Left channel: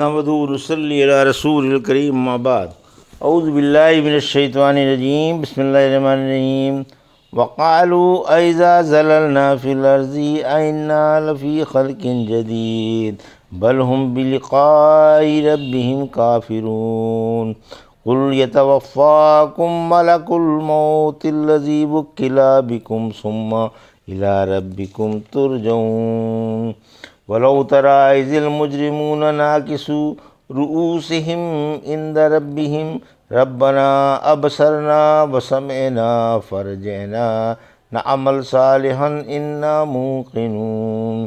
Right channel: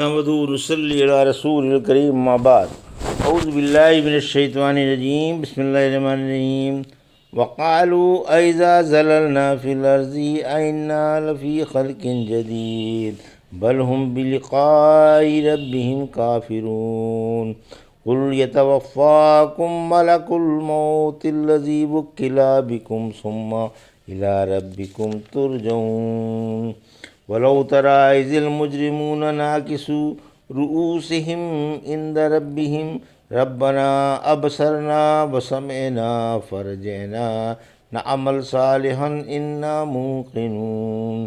نحمدہ و نصلی علی رسول الکریم اما بعد اعوذ باللہ من الشیطان الرجیم بسم اللہ الرحمن الرحیم وقالوا اذا ضللنا فی الارض ائنا لفی خلق جدید بل هم بلقاء ربهم کافرون قل یتوفاکم ملک الموت الذی وکل بکم ثم الی ربکم ترجعون ولو ترى إذ المجرمون ناكسوا رؤوسهم عند ربهم ربنا أبصرنا وسمعنا فارجعنا نعمل صالحا إنا موقنون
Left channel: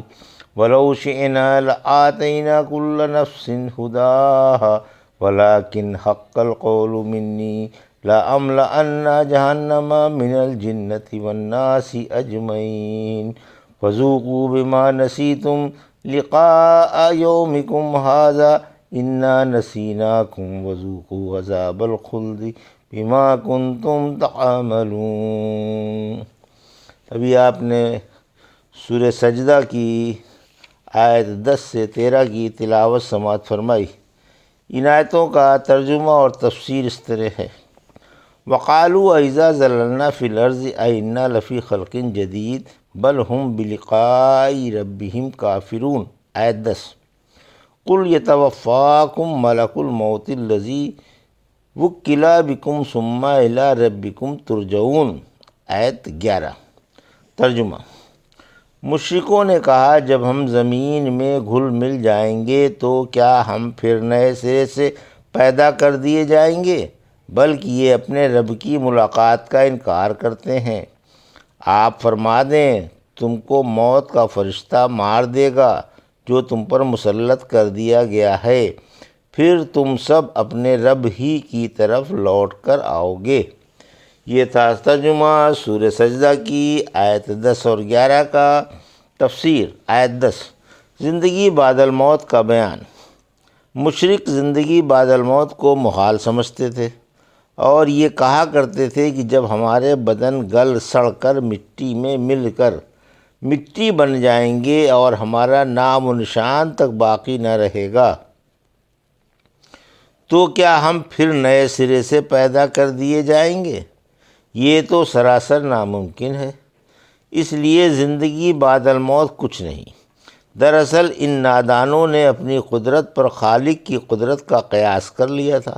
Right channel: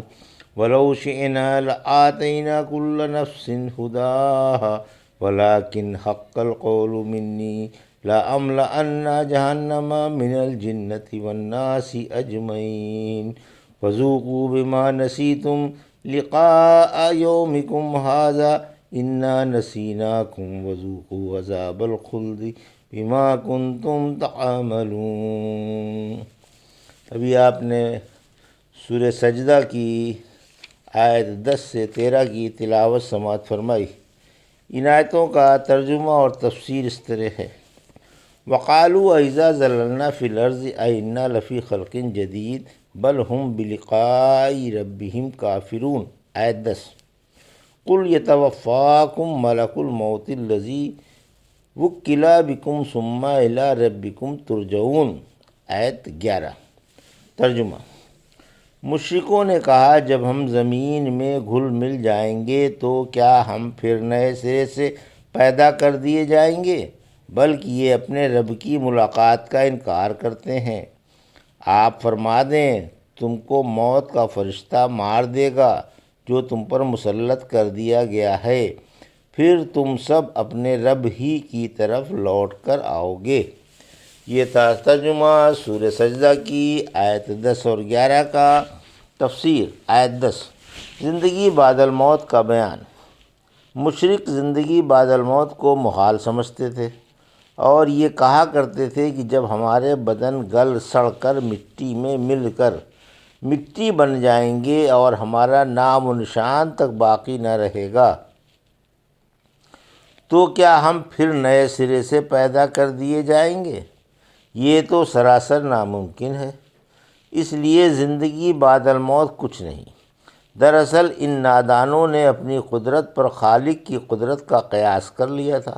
ولو شئنا لآتينا كل نفس هداها ولكن حق القول مني لأملأن جهنم من الجنة والناس أجمعين فذوقوا بما نسيتم لقاء یومکم ھذا انا نسیناکم وذوقوا عذاب الخلد بما کنتم تعملون۔ ابھی آپ نے سورہ سجدہ کی آیت 10 سے 13 کی تلاوت سماعت فرمائی۔ ان آیتوں کا ترجمہ اور تفسیر اس طرح ہے: وقالوا اذا ضللنا فی الارض ائنا لفی خلق جدید بل هم بلقاء ربهم کافرون۔ آیت 10: قل یتوفاکم ملک الموت الذی وکل بکم ثم الی ربکم ترجعون۔ آیت 11۔ ترجمہ: مشرکوں نے کہا جب ہم زمین میں گھل مل جائیں گے تو کیا ہم پھر نئے سرے سے پیدا کر دیے جائیں گے، بلکہ یہ اپنے رب کی ملاقات کا انکار کرتے ہیں۔ آپ فرما دیں تم کو موت کا فرشتہ مار دے گا جو تم پر مسلط کر دیا گیا ہے، پھر تم سب اپنے رب ہی کی طرف لوٹ کر آؤ گے۔ یہ تھا ترجمہ سورہ سجدہ کی آیت 10 اور 11 کا۔ تفسیر۔ آیت 10: زندگی بعد الموت کا بیان۔ مشرک زندگی بعد الموت کو محال سمجھتے تھے اور یہ کہا کرتے تھے کہ جب ہمارے بدن گل سڑ کر مٹی میں مل کر مٹی بن جائیں گے اور ہمارا نام و نشان تک باقی نہ رہے گا تو کیا ہم پھر نئے سرے سے پیدا کر دیے جائیں گے؟ یہ تو سراسر ناممکن ہے، اس لیے زندگی بعد الموت کچھ نہیں۔ دراصل ان نادانوں نے اپنی قدرت پر خالق کی قدرت کا قیاس کر لیا تھا،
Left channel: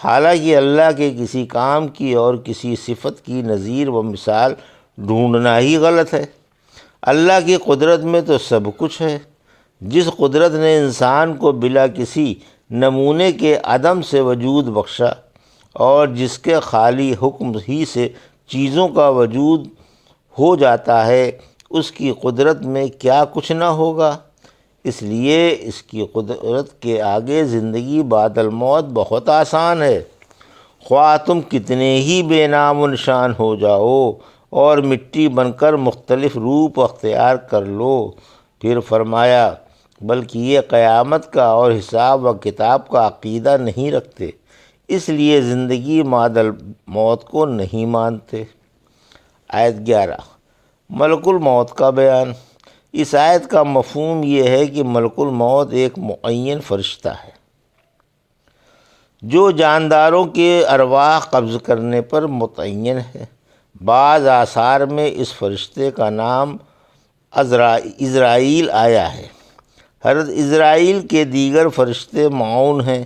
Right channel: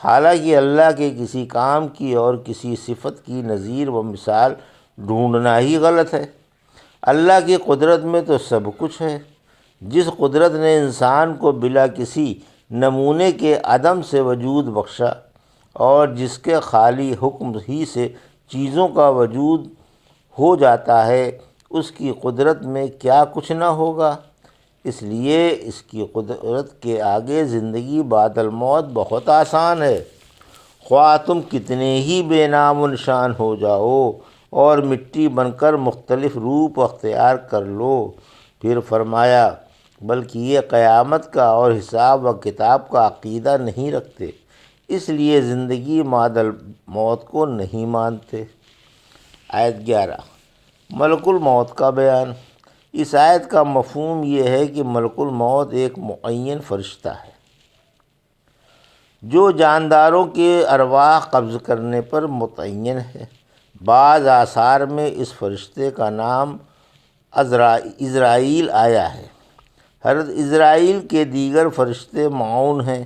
حالانکہ اللہ کے کسی کام کی اور کسی صفت کی نظیر و مثال ڈھونڈنا ہی غلط ہے۔ اللہ کی قدرت میں تو سب کچھ ہے۔ جس قدرت نے انسان کو بلا کسی نمونے کے عدم سے وجود بخشا اور جس کے خالی حکم ہی سے چیزوں کا وجود ہو جاتا ہے، اس کی قدرت میں کیا کچھ نہ ہوگا؟ اس لیے اس کی قدرت کے آگے زندگی بعد الموت بہت آسان ہے۔ خواہ تم کتنے ہی بے نام و نشان ہو جاؤ اور مٹی بن کر مختلف روپ اختیار کر لو۔ پھر فرمایا بلکہ یہ قیامت کا اور حساب و کتاب کا عقیدہ نہیں رکھتے، اس لیے زندگی بعد الموت کو نہیں مانتے۔ آیت 11: ملک الموت کا بیان۔ اس آیت کا مفہوم یہ ہے کہ ملک الموت ایک معین فرشتہ ہے جو جانداروں کے ارواح قبض کرنے پر متعین ہے۔ بعض آثار میں اس فرشتے کا نام عزرائیل آیا ہے۔ حضرت عزرائیل کے دیگر فرشتے معاون ہیں۔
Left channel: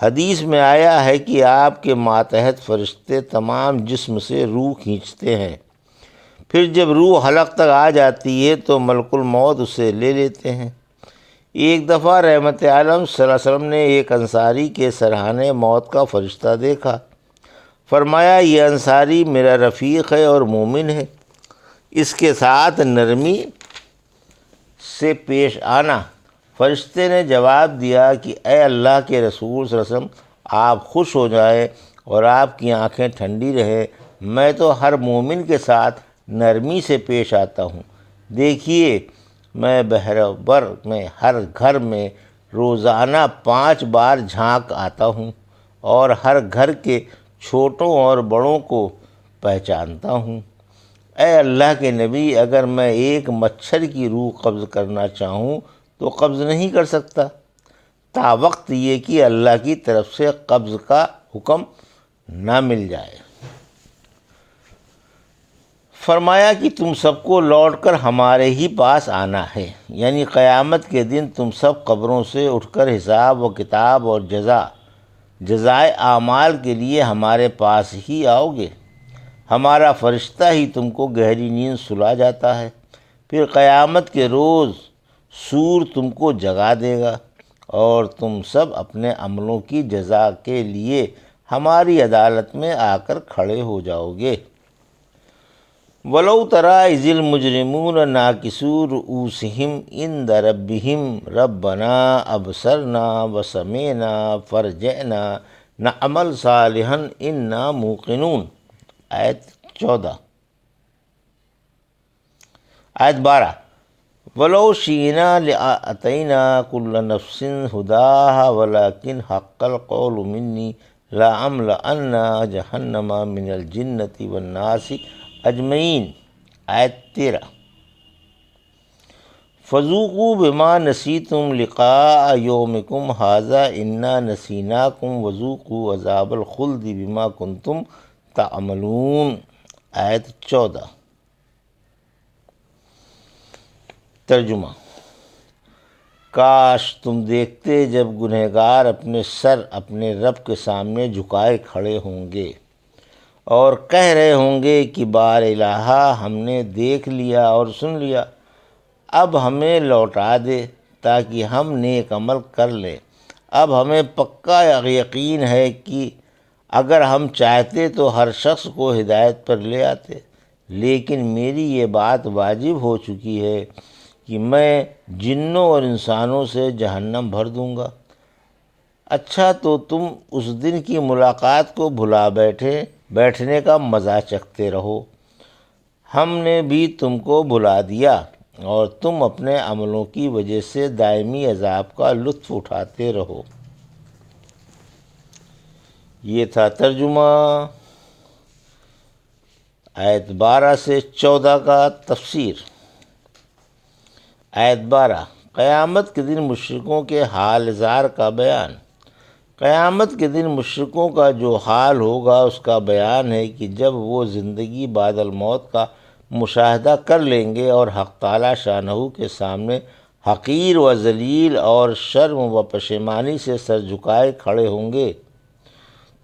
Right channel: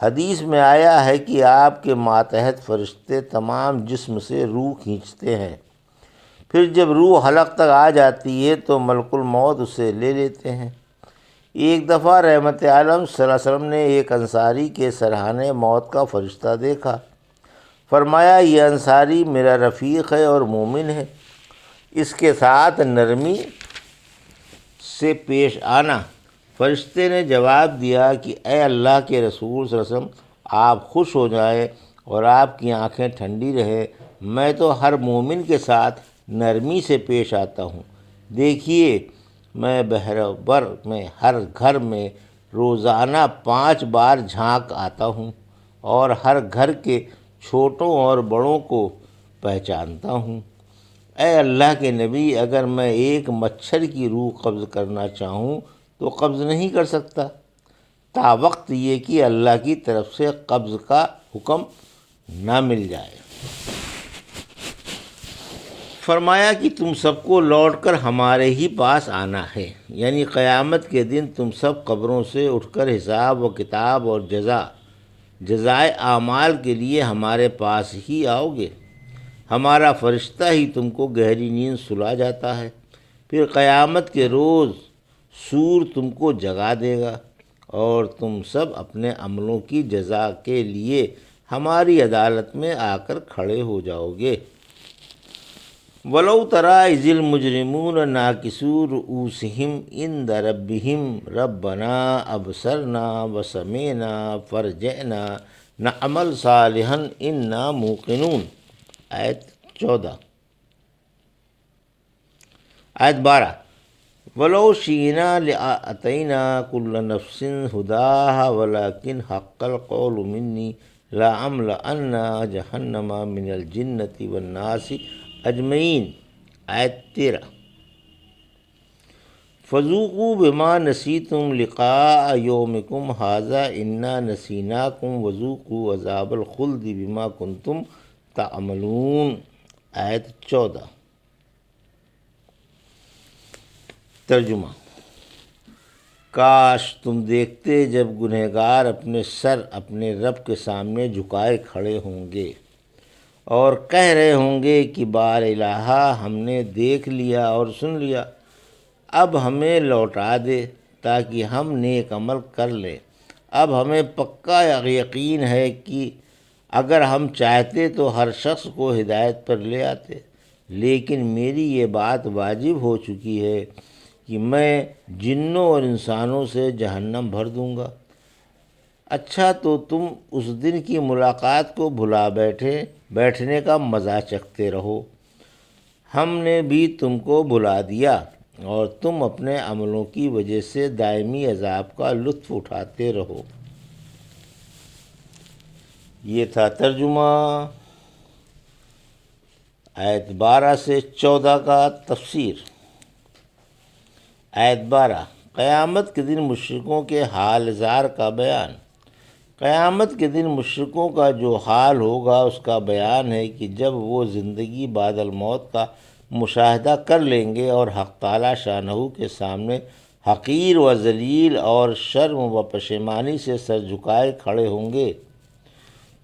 حدیث میں آیا ہے کہ آپ کے ماتحت فرشتے تمام جسم سے روح کھینچتے ہیں، پھر جب روح حلق تک آ جاتی ہے تو ملک الموت اسے لے لیتے ہیں۔ ایک دفعہ رحمت عالم صلی اللہ علیہ وسلم نے ایک انصاری کے سرہانے موت کا فرشتہ دیکھا۔ فرمایا یہ انصاری میرا رفیق ہے اور مومن ہے، اس کے ساتھ نرمی سے پیش آنا۔ فرشتے نے جواب دیا کہ اے اللہ کے رسول صلی اللہ علیہ وسلم، آپ خوش ہو جائیں اور آپ کی آنکھیں ٹھنڈی رہیں، میں تو ہر مومن کے ساتھ نرمی سے پیش آتا ہوں۔ دیکھیے میں بہربر میں ہر گھر میں روزانہ 5 بار جھانک آتا ہوں اور ہر گھر کے چھوٹوں اور بڑوں کو پہچانتا ہوں۔ اے اللہ کے نبی، اگر میں ایک مچھر کی روح قبض کرنا چاہوں تو قبض نہیں کر سکتا، تا وقت یہ کہ اللہ کی طرف سے قبض کا حکم نہ مل جائے۔ فرمایا کہ تم سب کو لوٹ کر ہمارے ہی پاس آنا ہے، یعنی قیامت کے دن تم سب قبروں سے اٹھ کر حساب و کتاب اور جزائے اعمال کے لیے ہمارے پاس ہی آؤ گے۔ ہمارا فرشتہ ہی تم کو گہری نیند سلا جاتا ہے، پھر قیامت کے روز سور تم کو جگا دے گا اور تم سب اپنے عملوں کی جزا کے لیے ہماری عدالت میں آ کر کھڑے ہو جاؤ گے۔ وَلَوْ تَرَىٰ إِذِ الْمُجْرِمُونَ نَاكِسُو رُءُوسِهِمْ عِندَ رَبِّهِمْ رَبَّنَا أَبْصَرْنَا وَسَمِعْنَا فَارْجِعْنَا نَعْمَلْ صَالِحًا إِنَّا مُوقِنُونَ۔ آیت 14۔ آیت 12۔ وَلَوْ شِئْنَا لَآتَيْنَا كُلَّ نَفْسٍ هُدَاهَا وَلَٰكِنْ حَقَّ الْقَوْلُ مِنِّي لَأَمْلَأَنَّ جَهَنَّمَ مِنَ الْجِنَّةِ وَالنَّاسِ اجمعین۔ آیت 13۔ فذوقوا بما نسیتم لقاء یومکم ھذا انا نسیناکم وذوقوا عذاب الخلد بما کنتم تعملون۔ آیت 14۔ ترجمہ۔ کاش تم دیکھتے جب گنہگار اپنے سر اپنے رب کے سامنے جھکائے کھڑے ہوں گے اور کہہ رہے ہوں گے کہ بار الہا ہم نے دیکھ لیا اور سن لیا، اب ہمیں لوٹا دے تاکہ ہم نیک عمل کر لیں۔ اب ہمیں پکا یقین ہے کہ اگر ہم چاہتے تو ہر شخص کو ہدایت پر لے آتے، لیکن میری یہ بات واجب ہو چکی ہے کہ میں جنوں اور انسانوں سے جہنم بھر دوں گا۔ اچھا تو تم اس دن کی ملاقات کو بھلا بیٹھنے کا مزہ چکھتے رہو، ہم نے بھی تم کو بھلا دیا اور تم اپنے عملوں کی وجہ سے دائمی عذاب کا لطف اٹھاتے رہو۔ یہ تھا ترجمہ۔ آیت 12 سے 14 کا تفسیر۔ آیت 12۔ قیامت کے دن مشرکوں کے حال زار کا بیان۔ قیامت کے دن مشرکوں کا جو حال ہوگا اس کا بیان ہے کہ جب وہ زندگی بعد الموت کا مشاہدہ کر لیں گے اور حق تعالی شانہ کے سامنے حقیر و ذلیل اور شرم و پشیمانی سے سر جھکائے کھڑے ہوں گے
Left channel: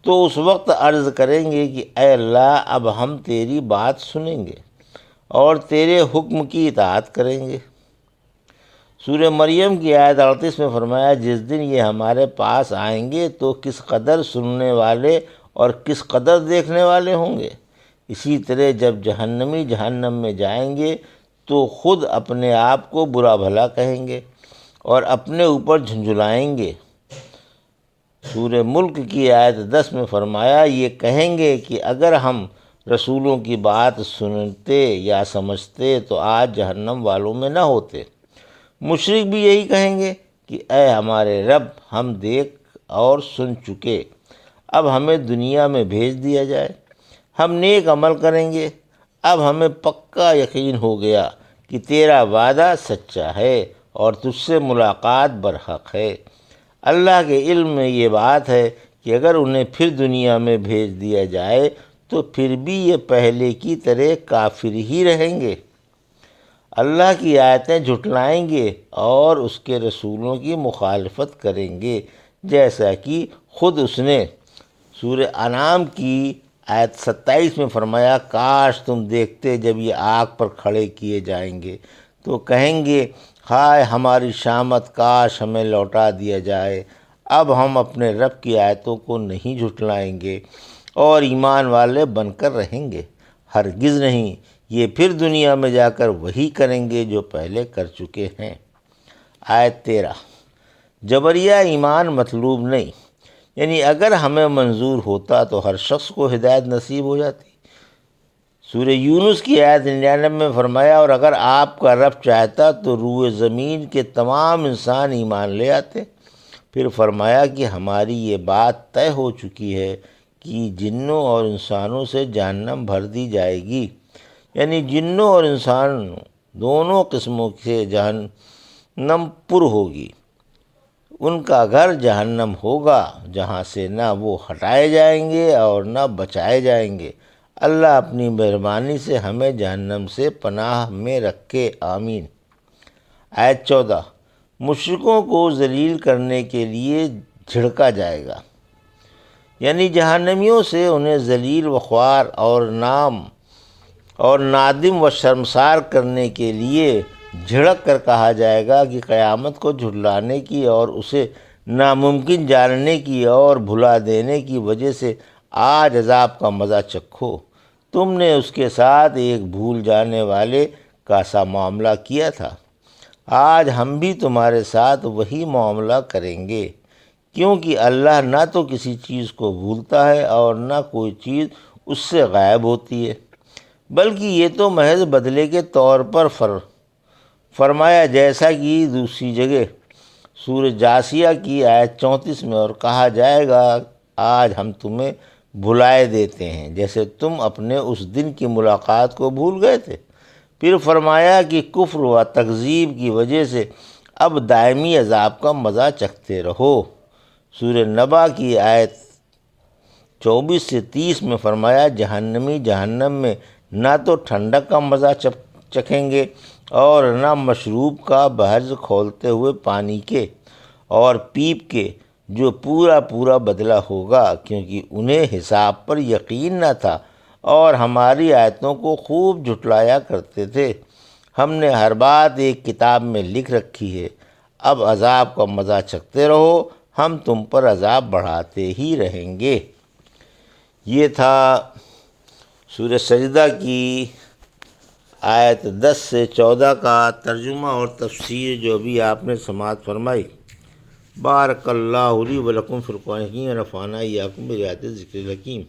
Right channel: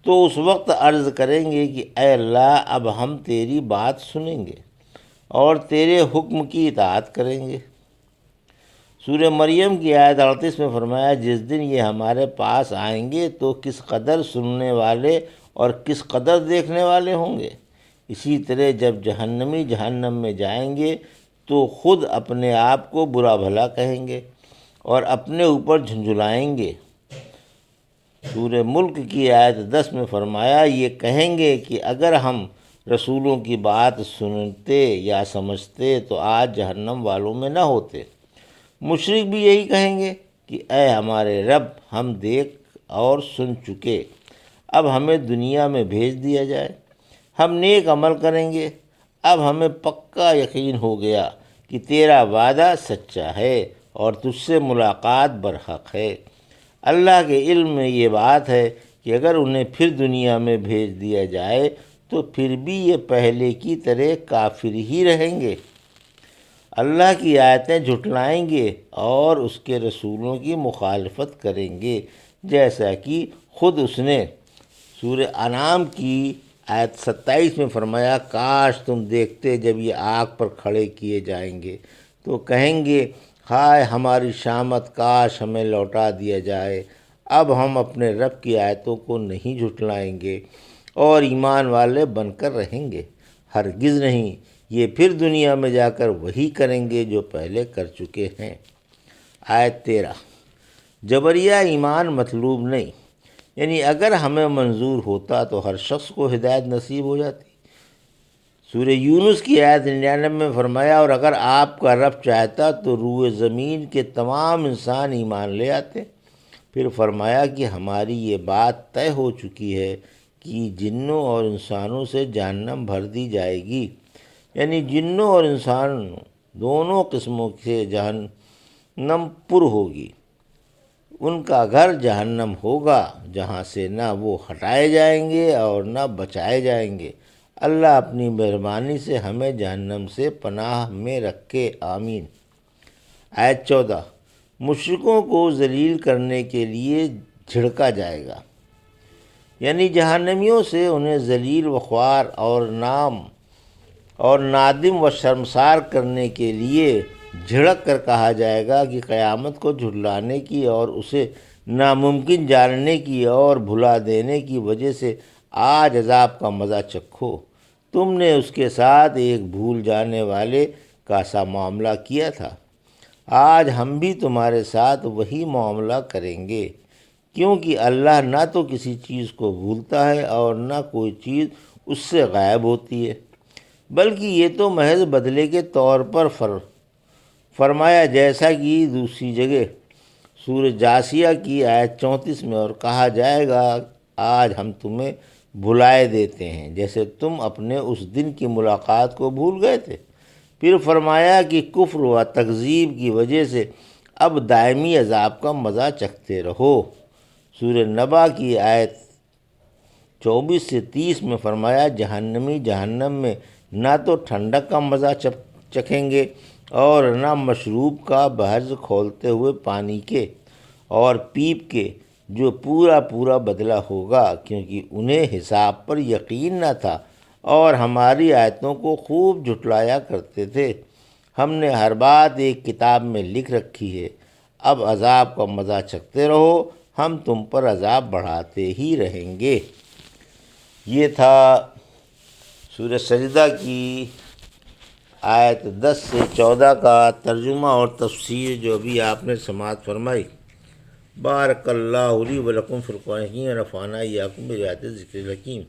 تو اس وقت عرض کریں گے کہ اے اللہ اب ہم تیری بات سنیں گے اور تیرے حکم کی اطاعت کریں گے۔ سورہ مریم کی آیت 38 میں فرمایا جس دن یہ ہمارے پاس آئیں گے تو کس قدر سننے والے اور کس قدر دیکھنے والے ہوں گے۔ اسی طرح جب جہنمی جہنم میں جائیں گے تو خود اپنے آپ کو برا بھلا کہیں گے اور اپنے اوپر جھنجھلائیں گے۔ سورہ ملک کی آیت 10 میں فرمایا یہ کہیں گے کہ اگر ہم رسولوں کی بات سنتے یا سمجھتے تو آج جہنم والوں میں نہ ہوتے۔ مشرک بھی یہی کہیں گے کہ اے ہمارے رب ہم دیکھ اور سن چکے، اب ہمیں دنیا میں بھیج دیا جائے، ہم نیک عمل کریں گے۔ اب ہمیں پکا یقین ہو گیا کہ تیرا وعدہ سچا ہے اور تجھ سے ملاقات برحق ہے۔ اللہ کے علم میں یہ بات ہے کہ اگر انہیں پھر دنیا میں بھیج دیا جائے تو پھر بھی یہ پہلے کی طرح کافر ہی رہیں گے، اللہ کی آیتیں جھٹلائیں گے اور اس کے رسولوں کی مخالفت کریں گے، جیسا کہ خود اس نے سورہ انعام کی آیت 27 میں فرمایا کاش تم دیکھتے جب یہ آگ پر کھڑے کیے جائیں گے تو کہیں گے ہائے ہماری شامت، کاش ہمیں لوٹا دیا جائے، اب ہم اپنے رب کی آیتوں کو نہیں جھٹلائیں گے اور ایمان والے بن کر رہیں گے۔ ہرگز نہیں، یہ پھر دنیا میں جا کر وہی کریں گے جو پہلے کر چکے ہیں۔ آیت 13۔ جبریہ ایمان مطلوب نہیں، یعنی اگر ہمیں منظور ہوتا تو ہر شخص کو ہدایت نصیب ہو جاتی۔ سورہ یونس کی آیت 99 میں فرمایا اور اگر آپ کا رب چاہتا تو روئے زمین کے تمام انسان ایمان لے آتے۔ پھر فرمایا کہ ہماری یہ بات طے ہو چکی ہے کہ جنوں اور انسانوں سے جہنم بھر دی جائے گی، یعنی جنوں اور انسان دونوں قسموں سے جہنم پر ہوگی، ان کا گھر جہنم ہوگا جہاں سے نہ وہ ہٹائے جائیں گے اور نہ بچائے جائیں گے۔ اللہ اپنی مہربانی سے ہمیں جہنم سے پناہ میں رکھے، آمین۔ آیت 14، مشرکوں کو ذلیل کرنے کے لیے جھڑکا جائے گا، یعنی جہنمیوں سے انہیں ذلیل و خوار اور نادم و شرمسار کرنے کے لیے جھڑک کر کہا جائے گا کہ قیامت کو جھٹلانے کی اور اسے ناممکن جاننے کی اور بھلا دینے کی وجہ سے آج عذاب کا مزہ چکھو۔ تم نے اس کے ساتھ ایک بھول جانے والے کا سا معاملہ کیا تھا، آج ہم بھی تمہارے ساتھ وہی معاملہ کریں گے، کیونکہ اللہ نہ تو کسی چیز کو بھولتا ہے اور نہ کوئی چیز اس سے غائب ہوتی ہے، بلکہ یہ تو محض بدلے کے طور پر فرمایا، جیسا کہ دوسری جگہ سورہ جاسیہ کی آیت 34 میں، اور کہا جائے گا آج ہم تمہیں بھلائے دیتے ہیں جیسے تم اپنے اس دن کی ملاقات کو بھول گئے تھے۔ پھر فرمایا کہ کفر و تکذیب کی وجہ سے اب دائمی عذاب کا مزہ چکھتے رہو۔ سورہ نبا کی آیت 24 سے 30 میں فرمایا، جہنمی جہنم میں نہ تو ٹھنڈک کا مزہ چکھیں گے اور نہ مشروب کا بحر کھولتے ہوئے پانی کے اور پیپ کے، جو پورا پورا بدلہ ہوگا، کیونکہ انہیں حساب پر یقین نہ تھا اور ہماری آیتوں کو خوب جھٹلایا کرتے تھے۔ ہم نے ہر بات ایک کتاب میں لکھ رکھی ہے، اب عذاب کا مزہ چکھتے رہو، ہم تم پر عذاب بڑھاتے ہی رہیں گے۔ یہ تھا سورہ سجدہ کی آیت 10 سے 14 کا ترجمہ اور تفسیر جو ابھی آپ نے سماعت فرمائی۔ بارک اللہ لی و لکم فی القرآن الحکیم، ونفعنی وایاکم بآیات الذکر الحکیم۔